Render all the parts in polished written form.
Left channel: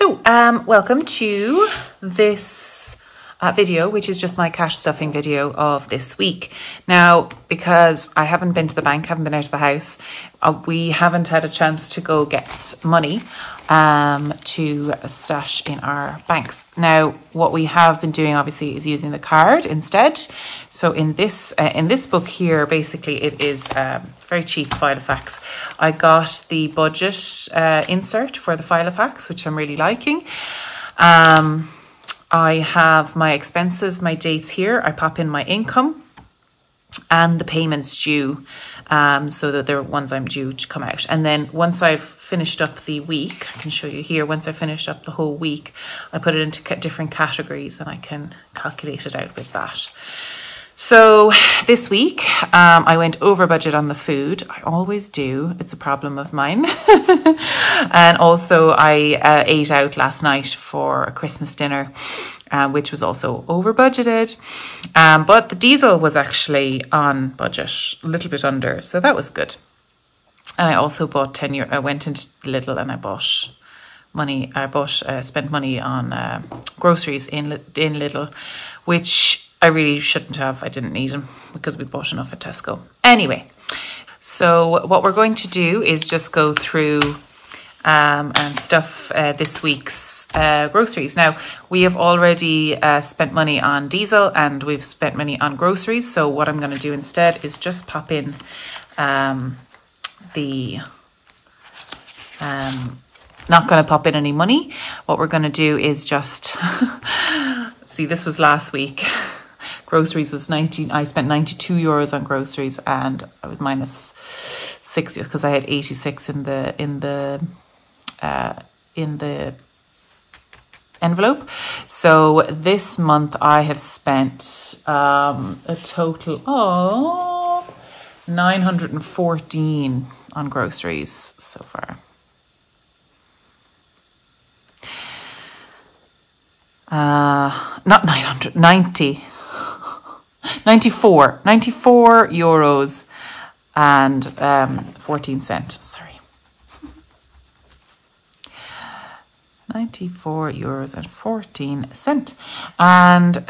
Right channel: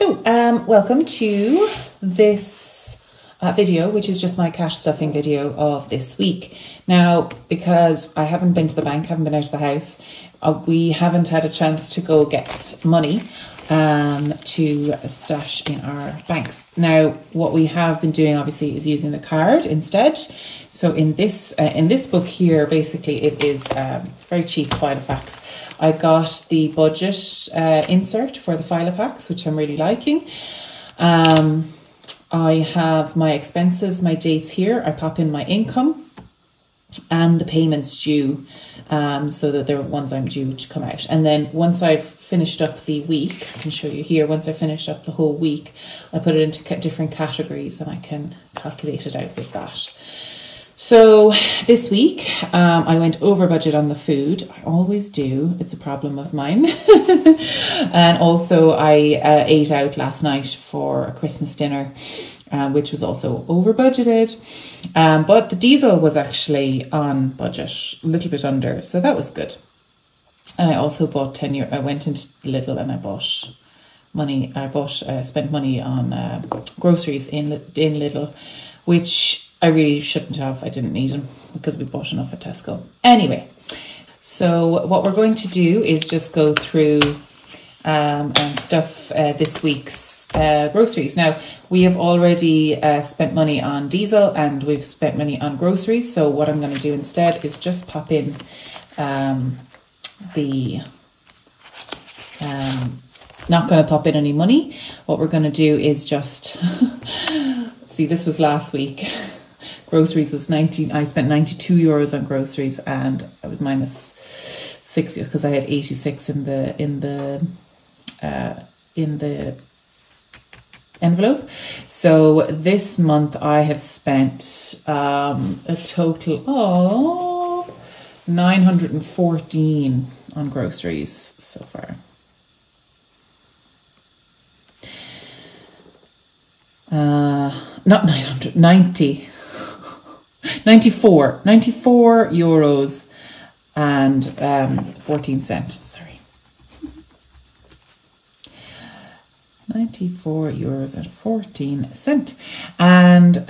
Welcome to this video, which is just my cash stuffing video of this week. Now, because I haven't been to the bank, haven't been out of the house, we haven't had a chance to go get money to stash in our banks. Now, what we have been doing, obviously, is using the card instead. So in this book here, basically, it is very cheap Filofax. I got the budget insert for the Filofax, which I'm really liking. I have my expenses, my dates here. I pop in my income and the payments due, so that they're ones I'm due to come out. And then once I've finished up the week, I can show you here, once I finished up the whole week, I put it into different categories and I can calculate it out with that. So this week, I went over budget on the food. I always do. It's a problem of mine. And also I ate out last night for a Christmas dinner, which was also over budgeted. But the diesel was actually on budget, a little bit under. So that was good. And I also bought €10. I went into Lidl and I spent money on groceries in Lidl, which I really shouldn't have. I didn't need them because we bought enough at Tesco. Anyway, so what we're going to do is just go through and stuff this week's groceries. Now, we have already spent money on diesel and we've spent money on groceries. So what I'm going to do instead is just pop in not going to pop in any money. What we're going to do is just, see, this was last week. Groceries was I spent €92 on groceries and I was minus 60 because I had 86 in the envelope. So this month I have spent a total of 914 on groceries so far. Not 900, 94 euros and 14 cents, sorry. 94 euros and 14 cents. And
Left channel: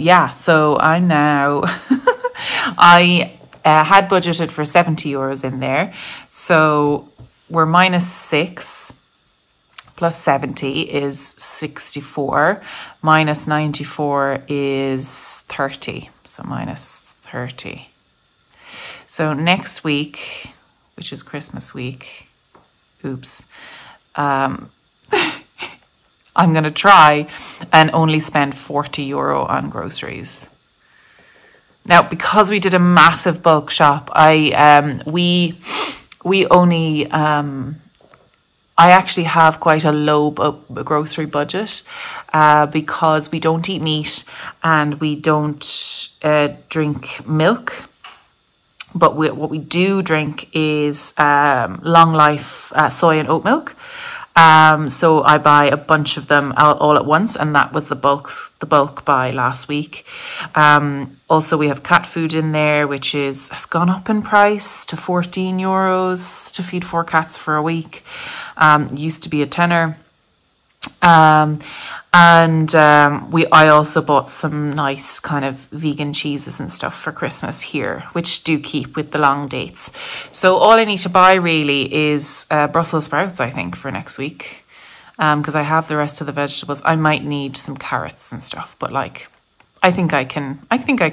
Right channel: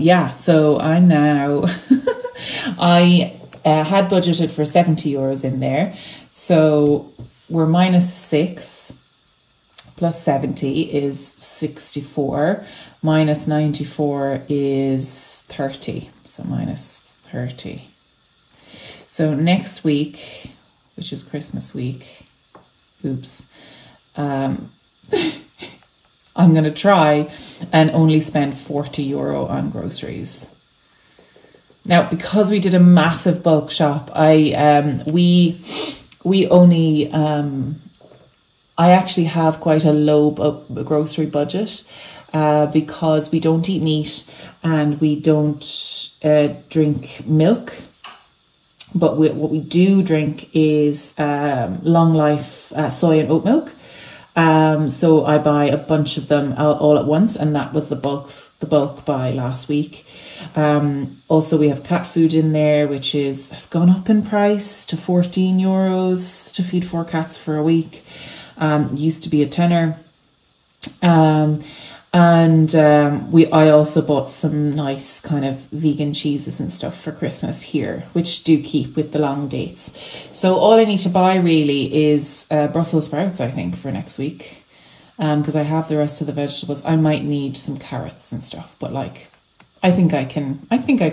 yeah, so I now, I had budgeted for 70 euros in there. So we're minus 6 plus 70 is 64. Minus 94 is 30. So minus 30. So next week, which is Christmas week, oops, I'm going to try and only spend 40 euro on groceries. Now, because we did a massive bulk shop, we only, I actually have quite a low grocery budget because we don't eat meat and we don't drink milk. But what we do drink is long life soy and oat milk. So I buy a bunch of them all at once, and that was the bulk buy last week. Also, we have cat food in there, which has gone up in price to 14 euros to feed 4 cats for a week. Used to be a tenner. I also bought some nice kind of vegan cheeses and stuff for Christmas here, which do keep with the long dates. So all I need to buy really is Brussels sprouts, I think, for next week. Because I have the rest of the vegetables. I might need some carrots and stuff, but like, I think I can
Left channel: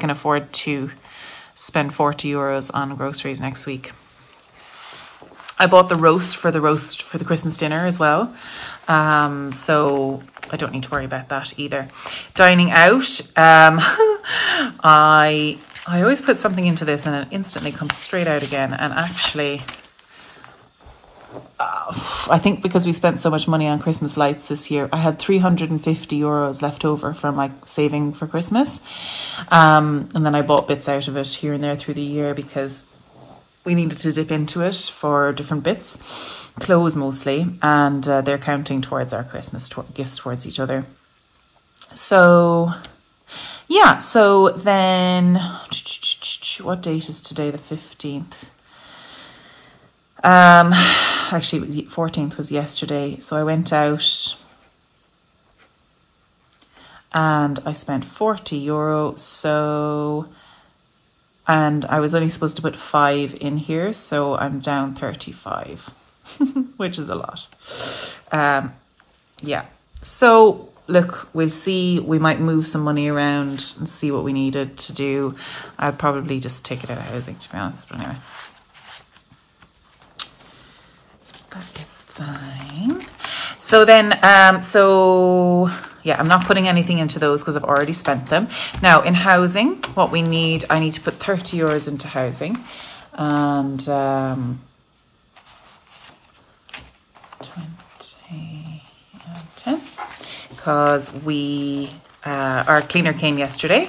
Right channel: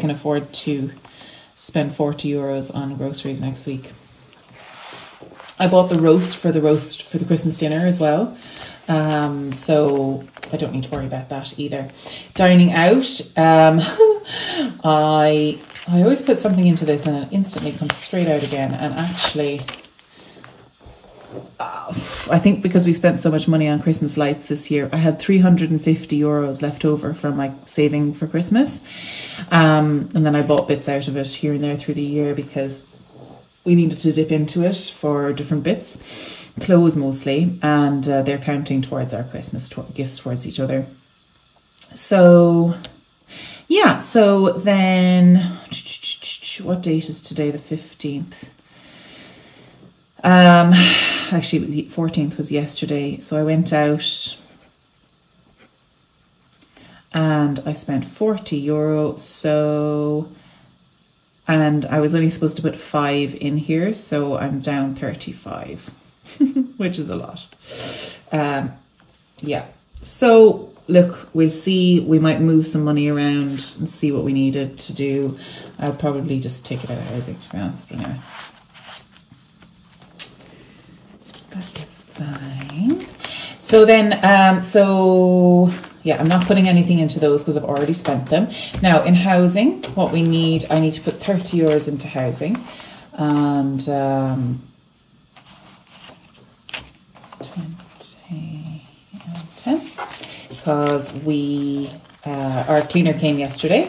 afford to spend 40 euros on groceries next week. I bought the roast for the Christmas dinner as well. So I don't need to worry about that either. Dining out, I always put something into this and it instantly comes straight out again. And actually, I think because we spent so much money on Christmas lights this year, I had 350 euros left over from my saving for Christmas. And then I bought bits out of it here and there through the year because we needed to dip into it for different bits. Clothes mostly, and they're counting towards our Christmas gifts towards each other. So yeah, so then what date is today? The 15th. Actually, the 14th was yesterday. So I went out and I spent €40. So, and I was only supposed to put 5 in here, so I'm down 35, which is a lot. Yeah, so look, we'll see. We might move some money around and see what we needed to do. I'll probably just take it out of housing, to be honest, but anyway. That is fine. So then, so yeah, I'm not putting anything into those because I've already spent them. Now in housing, what we need, I need to put €30 into housing, and 10, because we, our cleaner came yesterday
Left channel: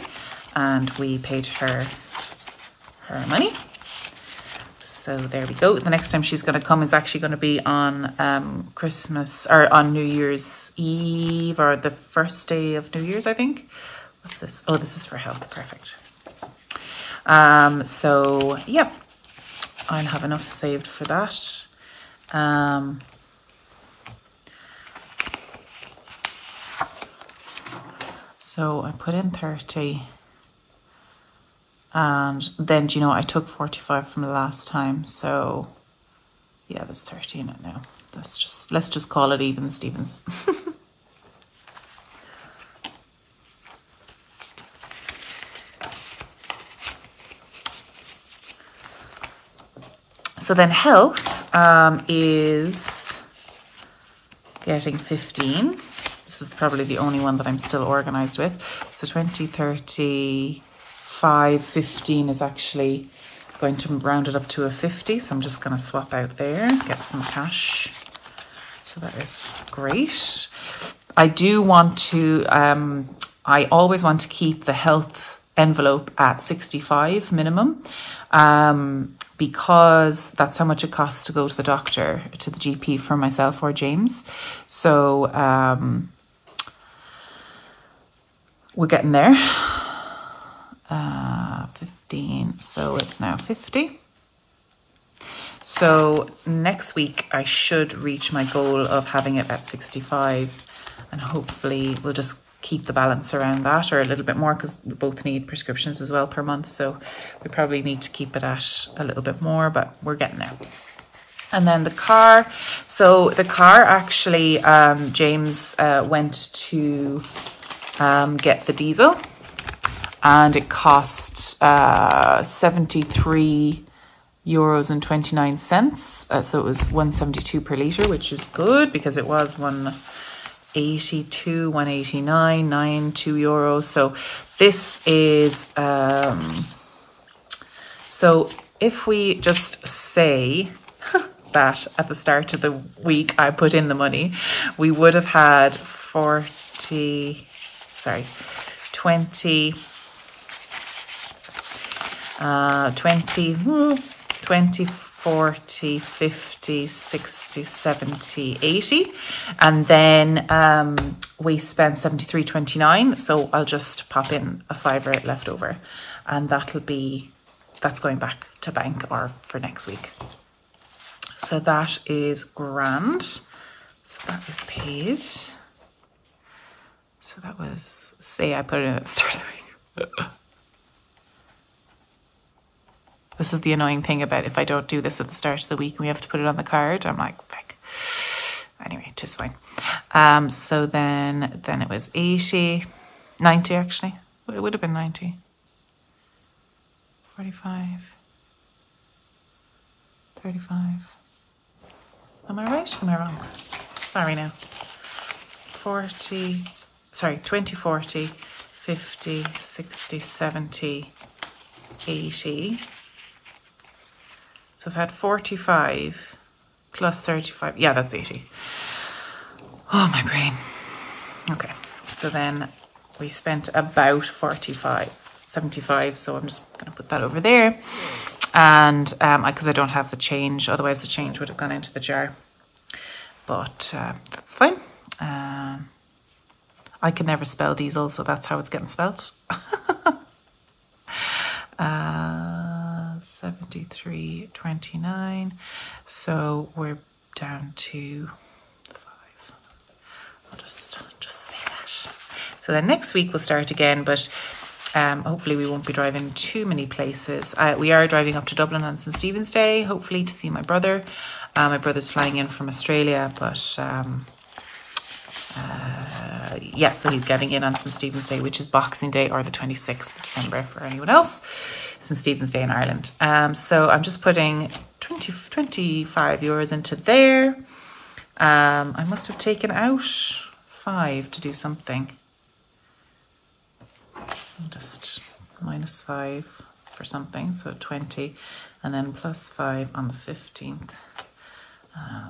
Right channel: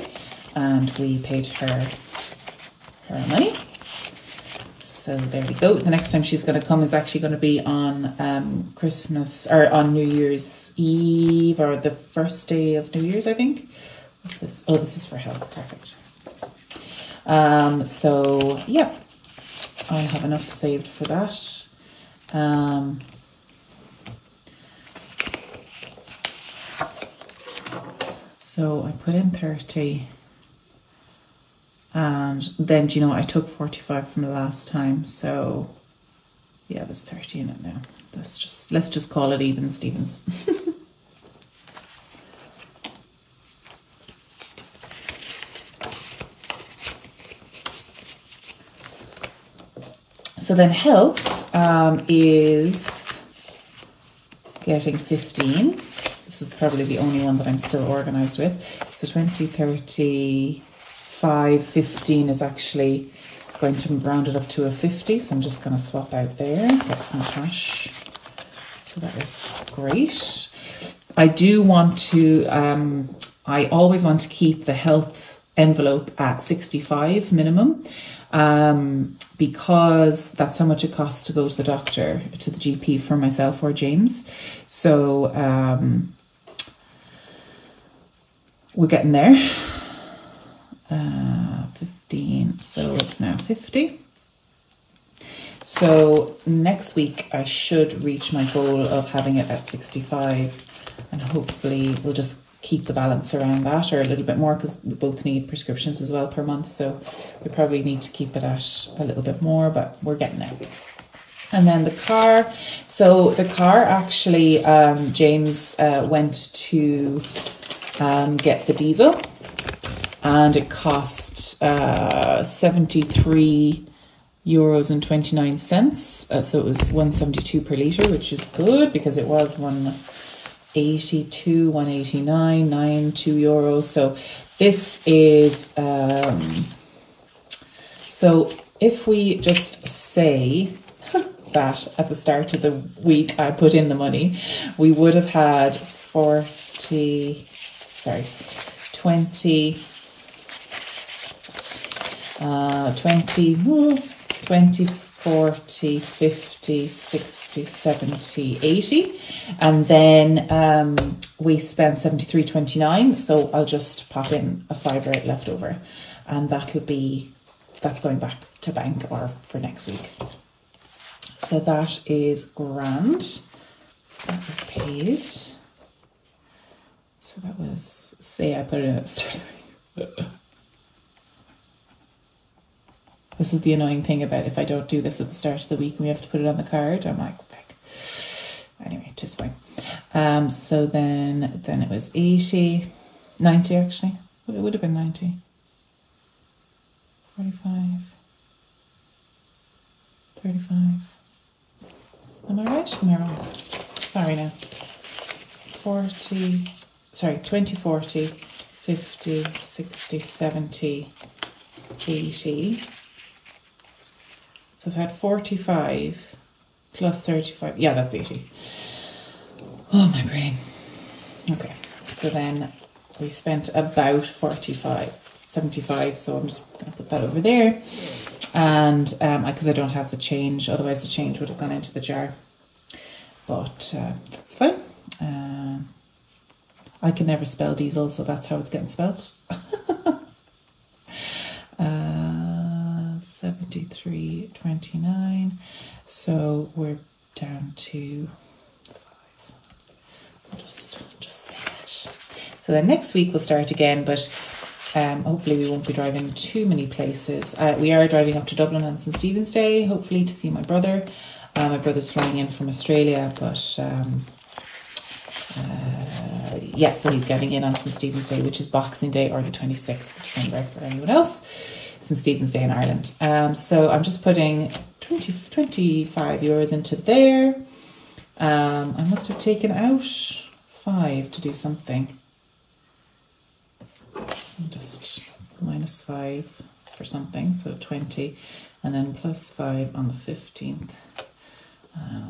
and we paid her money. So there we go. The next time she's going to come is actually going to be on Christmas, or on New Year's Eve, or the first day of New Year's, I think. What's this? Oh, this is for health. Perfect. So yeah, I have enough saved for that. So I put in 30. And then, do you know, I took 45 from the last time. So yeah, there's 30 in it now. Let's just call it even, Stevens. So then health is getting 15. This is probably the only one that I'm still organized with. So 20, 30, 5, 15 is actually going to round it up to a 50. So I'm just going to swap out there, get some cash. So that is great. I do want to, I always want to keep the health envelope at 65 minimum, because that's how much it costs to go to the doctor, to the GP for myself or James. So we're getting there. 15, so it's now 50. So next week I should reach my goal of having it at 65, and hopefully we'll just keep the balance around that, or a little bit more, because we both need prescriptions as well per month, so we probably need to keep it at a little bit more, but we're getting there. And then the car, so the car actually, James went to get the diesel, and it cost €73.29. So it was 172 per litre, which is good, because it was 182, 189, €92. So this is, so if we just say that at the start of the week I put in the money, we would have had 20, 40, 50, 60, 70, 80. And then we spent 73.29. So I'll just pop in a fiver left over, and that's going back to bank or for next week. So that is grand. So that was paid. So that was, say I put it in at the start of the week. This is the annoying thing about if I don't do this at the start of the week and we have to put it on the card. I'm like, fuck. Anyway, just fine. So then it was 80, 90 actually. It would have been 90. 45, 35. Am I right? Am I wrong? Sorry now. 20, 40, 50, 60, 70, 80. So I've had 45 plus 35. Yeah, that's 80. Oh, my brain. Okay. So then we spent about 75. So I'm just going to put that over there. And because I don't have the change, otherwise the change would have gone into the jar. But that's fine. I can never spell diesel, so that's how it's getting spelled. 73.29. So we're down to 5. I'll just say that. So then next week we'll start again, but hopefully we won't be driving too many places. We are driving up to Dublin on St. Stephen's Day, hopefully to see my brother. My brother's flying in from Australia, but yeah, so he's getting in on St. Stephen's Day, which is Boxing Day, or the 26th of December for anyone else. St. Stephen's Day in Ireland. So I'm just putting 25 euros into there. I must have taken out 5 to do something. Just minus 5 for something, so 20, and then plus 5 on the 15th.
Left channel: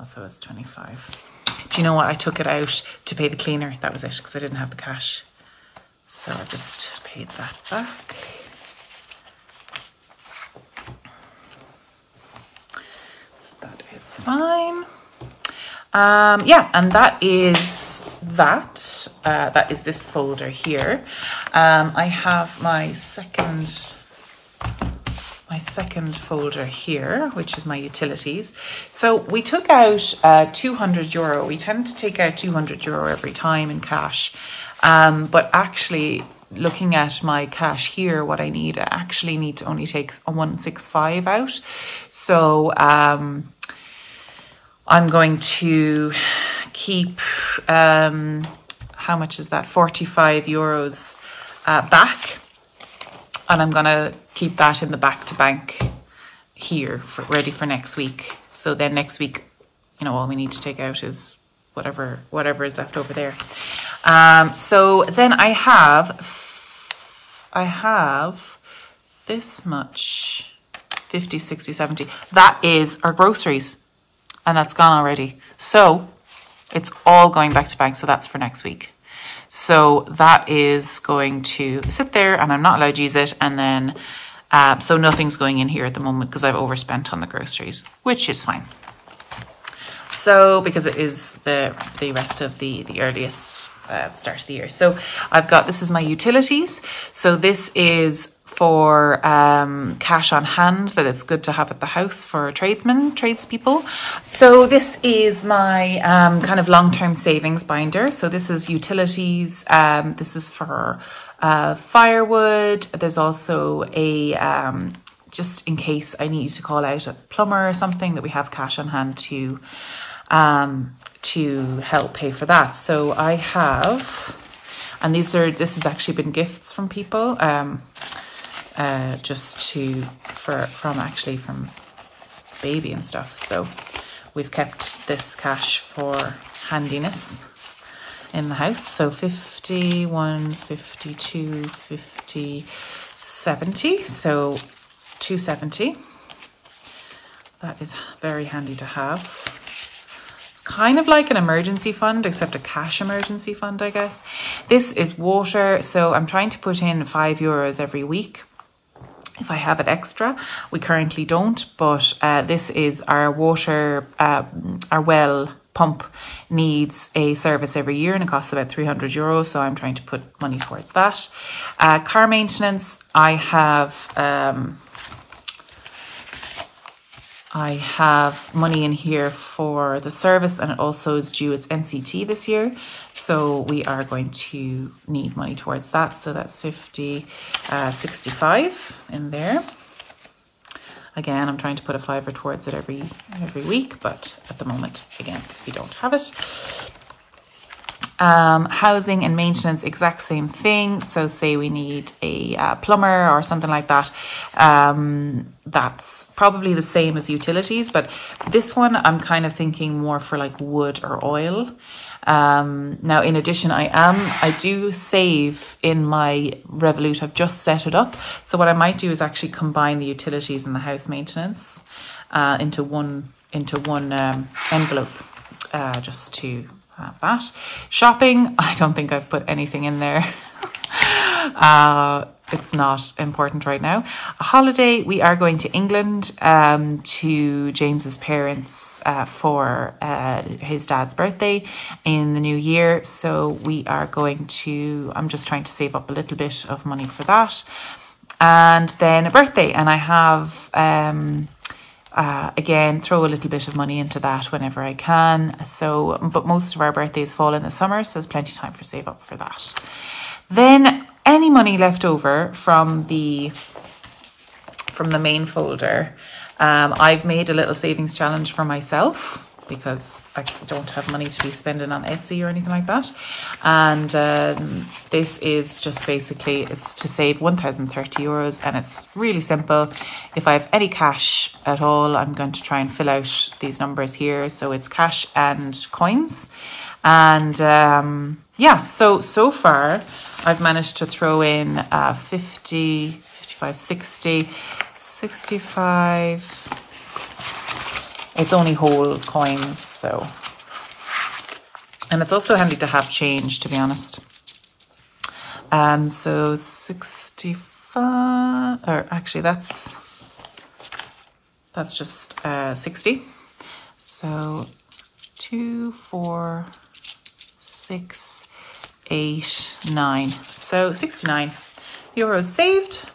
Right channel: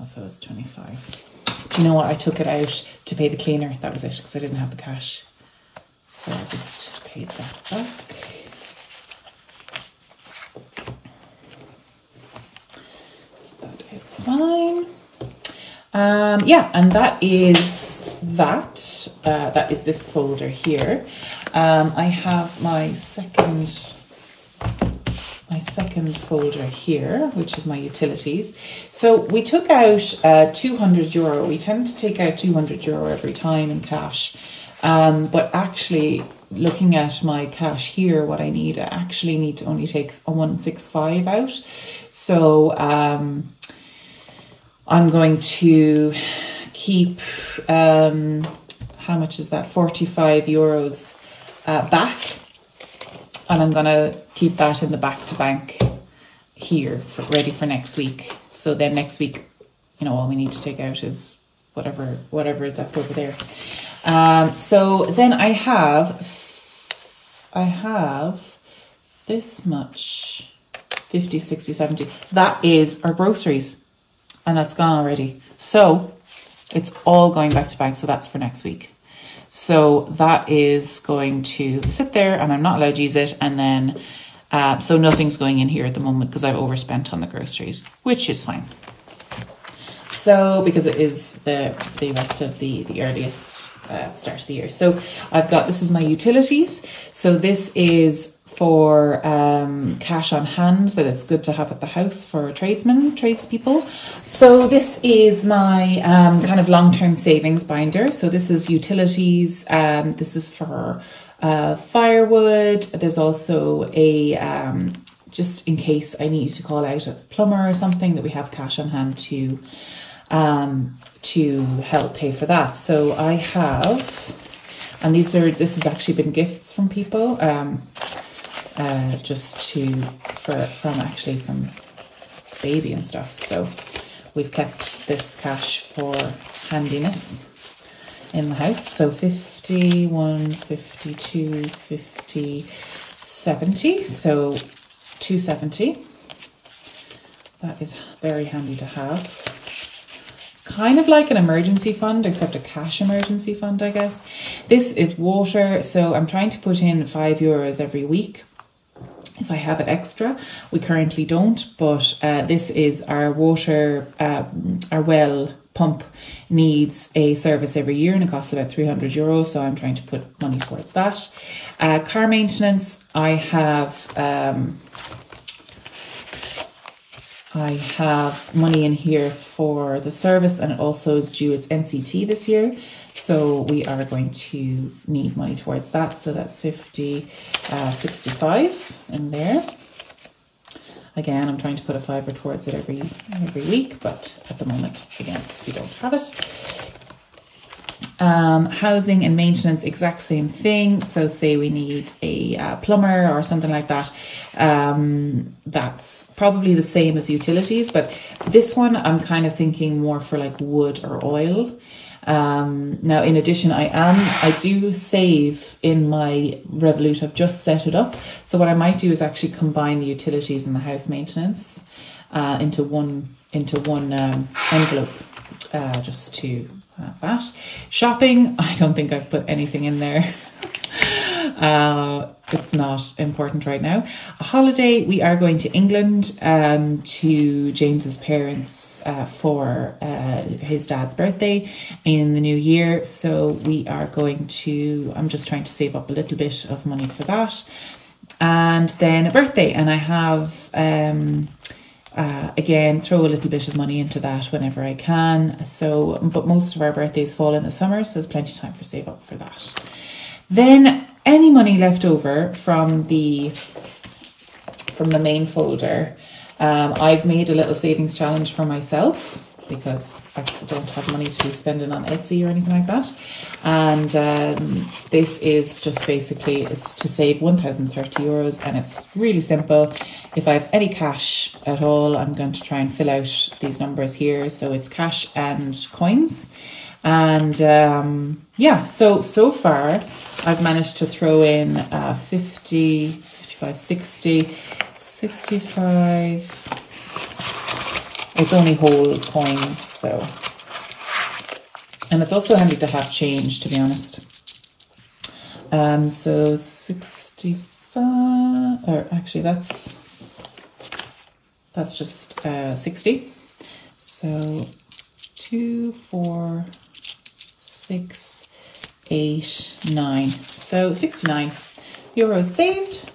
So it's 25. Do you know what? I took it out to pay the cleaner. That was it, because I didn't have the cash. So I just paid that back. That is fine. Yeah, and that is that. That is this folder here. I have my second folder here, which is my utilities. So we took out 200 euro. We tend to take out 200 euro every time in cash. But actually, looking at my cash here, what I actually need to only take 165 out. So I'm going to keep, how much is that? 45 euros back. And I'm going to keep that in the back to bank here, ready for next week. So then next week, you know, all we need to take out is whatever is left over there. So then I have this much, 50, 60, 70. That is our groceries, and that's gone already. So it's all going back to bank. So that's for next week. So that is going to sit there, and I'm not allowed to use it. And then, so nothing's going in here at the moment because I've overspent on the groceries, which is fine. So because it is the rest of the earliest start of the year. So I've got, this is my utilities. So this is for cash on hand that it's good to have at the house for tradespeople. So this is my kind of long-term savings binder. So this is utilities. This is for firewood. There's also a, just in case I need to call out a plumber or something, that we have cash on hand to help pay for that. So I have, and this has actually been gifts from people, just from baby and stuff. So we've kept this cash for handiness in the house. So 50, 1, 52, 50, 70. So 270. That is very handy to have. It's kind of like an emergency fund, except a cash emergency fund, I guess. This is water. So I'm trying to put in 5 euros every week if I have it extra. We currently don't, but this is our water, our well pump needs a service every year and it costs about 300 euros. So I'm trying to put money towards that. Car maintenance, I have money in here for the service, and it also is due its NCT this year. So we are going to need money towards that. So that's 50, 65 in there. Again, I'm trying to put a fiver towards it every week, but at the moment, again, we don't have it. Housing and maintenance, exact same thing. So say we need a plumber or something like that. That's probably the same as utilities, but this one I'm kind of thinking more for like wood or oil. Now, in addition, I do save in my Revolut. I've just set it up. So what I might do is actually combine the utilities and the house maintenance into one envelope, just to have that. Shopping, I don't think I've put anything in there. It's not important right now. A holiday, we are going to England to James's parents for his dad's birthday in the new year. So we are going to, I'm just trying to save up a little bit of money for that. And then a birthday, and I have again, throw a little bit of money into that whenever I can. So, but most of our birthdays fall in the summer, so there's plenty of time for save up for that. Then any money left over from the main folder, I've made a little savings challenge for myself because I don't have money to be spending on Etsy or anything like that. And this is just basically, it's to save 1,030 euros, and it's really simple. If I have any cash at all, I'm going to try and fill out these numbers here. So it's cash and coins. And yeah, so far I've managed to throw in 50, 55, 60, 65. It's only whole coins, so. And it's also handy to have change, to be honest. So 65, or actually that's just 60. So 2, 4, 6, 8, 9. So 69 euros saved.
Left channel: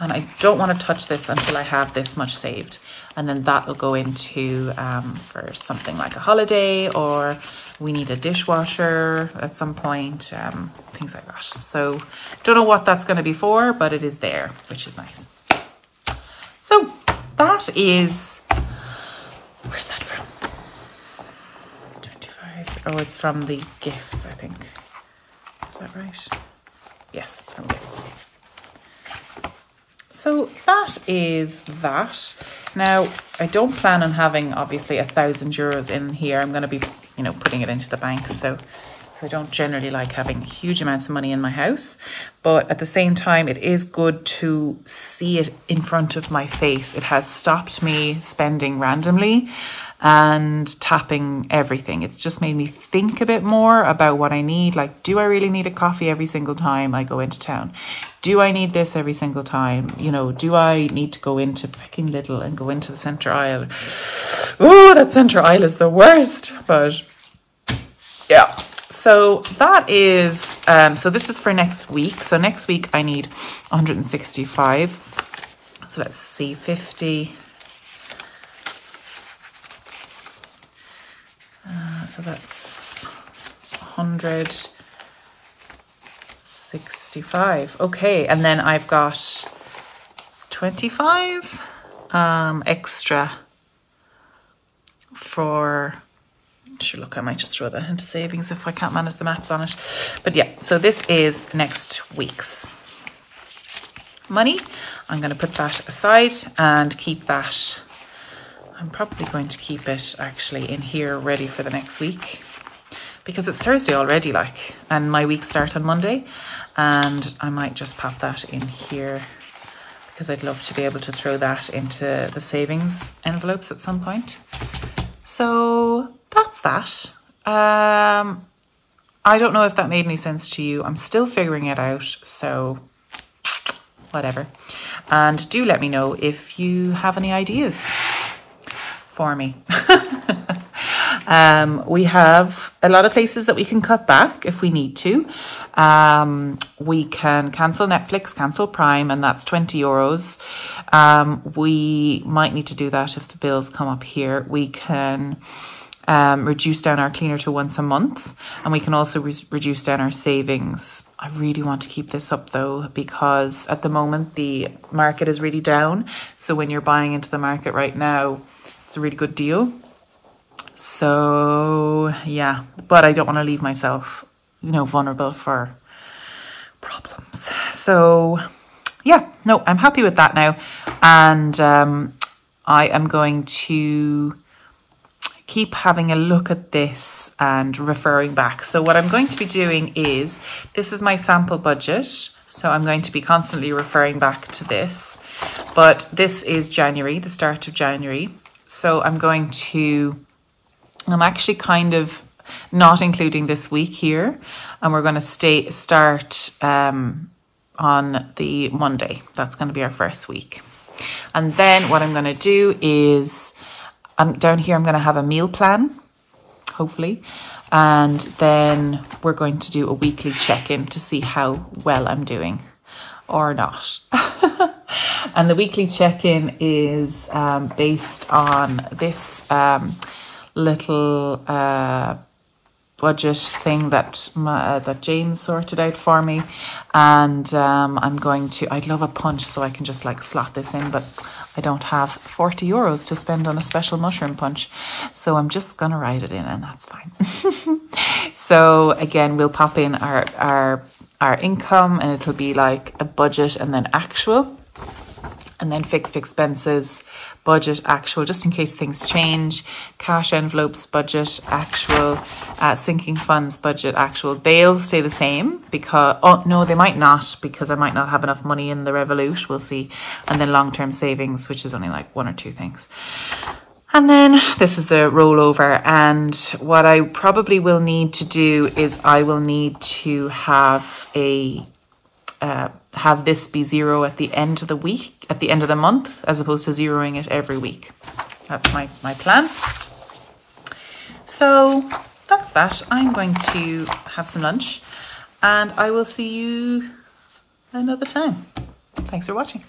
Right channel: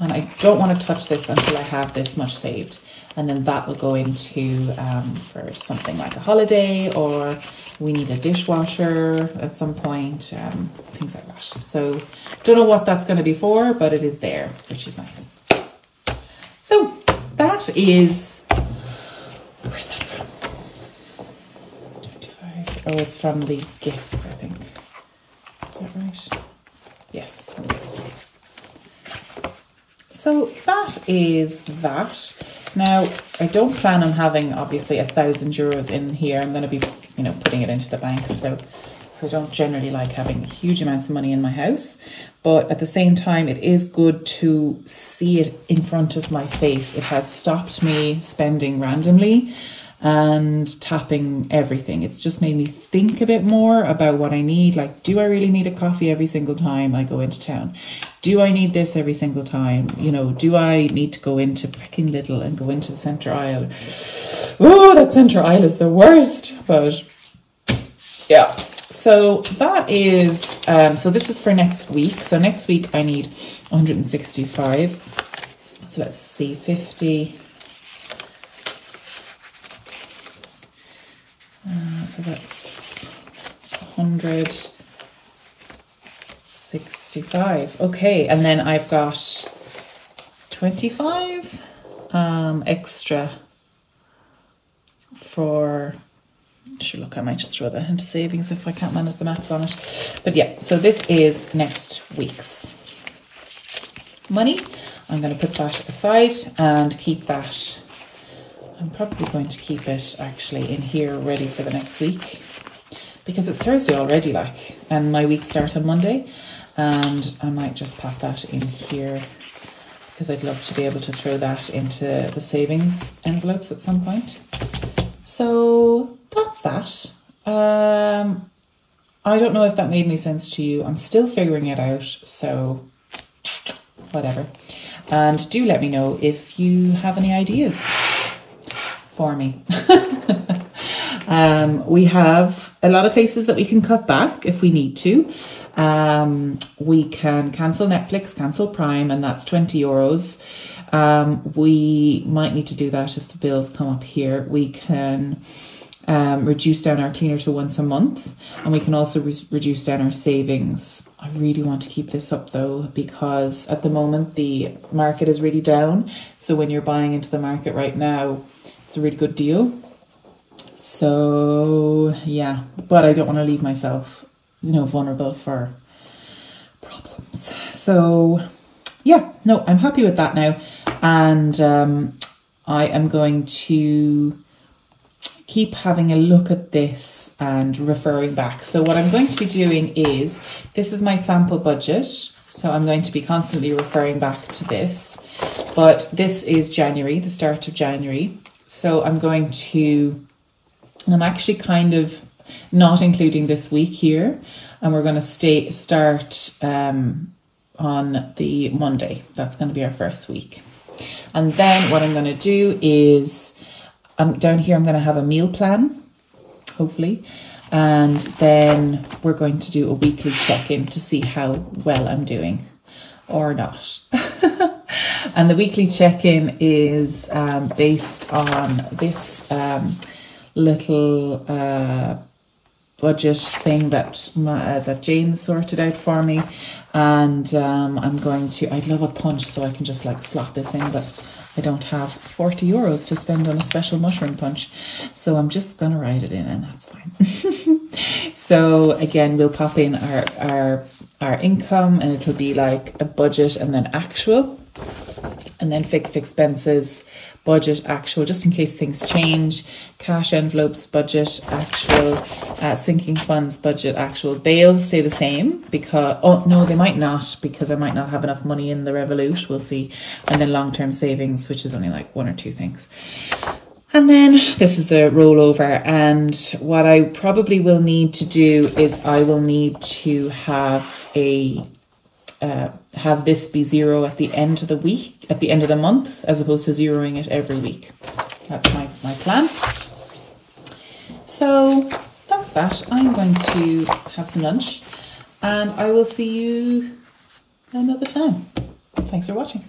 And I don't want to touch this until I have this much saved. And then that will go into for something like a holiday, or we need a dishwasher at some point, things like that. So don't know what that's going to be for, but it is there, which is nice. So that is, where's that from? 25. Oh, it's from the gifts, I think. Is that right? Yes, it's from gifts. So that is that. Now, I don't plan on having obviously 1,000 euros in here. I'm going to be, you know, putting it into the bank. So I don't generally like having huge amounts of money in my house. But at the same time, it is good to see it in front of my face. It has stopped me spending randomly and tapping everything. It's just made me think a bit more about what I need. Like, do I really need a coffee every single time I go into town? Do I need this every single time? You know, do I need to go into freaking Lidl and go into the center aisle? Oh, that center aisle is the worst. But yeah, so that is, so this is for next week. So next week I need 165. So let's see, 50. So that's 165. Okay, and then I've got 25 extra for, sure, look, I might just throw that into savings if I can't manage the maths on it. But yeah, so this is next week's money. I'm going to put that aside and keep that. I'm probably going to keep it actually in here ready for the next week, because it's Thursday already, like, and my week starts on Monday, and I might just pop that in here because I'd love to be able to throw that into the savings envelopes at some point. So that's that. I don't know if that made any sense to you. I'm still figuring it out, so whatever. And do let me know if you have any ideas for me. We have a lot of places that we can cut back if we need to. We can cancel Netflix, cancel Prime, and that's 20 euros. We might need to do that if the bills come up here. We can reduce down our cleaner to once a month, and we can also reduce down our savings. I really want to keep this up though, because at the moment the market is really down. So when you're buying into the market right now, it's a really good deal. So yeah, but I don't want to leave myself, you know, vulnerable for problems. So yeah, no, I'm happy with that now. And I am going to keep having a look at this and referring back. So what I'm going to be doing is, this is my sample budget. So I'm going to be constantly referring back to this, but this is January, the start of January. So I'm actually kind of not including this week here, and we're going to start on the Monday. That's going to be our first week. And then what I'm going to do is, down here I'm going to have a meal plan, hopefully, and then we're going to do a weekly check-in to see how well I'm doing or not. And the weekly check-in is based on this little budget thing that that James sorted out for me. And I'd love a punch so I can just like slot this in, but I don't have 40 euros to spend on a special mushroom punch. So I'm just gonna write it in and that's fine. So again, we'll pop in our income, and it'll be like a budget and then actual, and then fixed expenses, budget, actual, just in case things change, cash envelopes, budget, actual, sinking funds, budget, actual. They'll stay the same because, oh no, they might not, because I might not have enough money in the Revolut, we'll see. And then long-term savings, which is only like 1 or 2 things. And then this is the rollover. And what I probably will need to do is I will need to have have this be 0 at the end of the week, at the end of the month, as opposed to zeroing it every week. That's my plan. So that's that. I'm going to have some lunch and I will see you another time. Thanks for watching.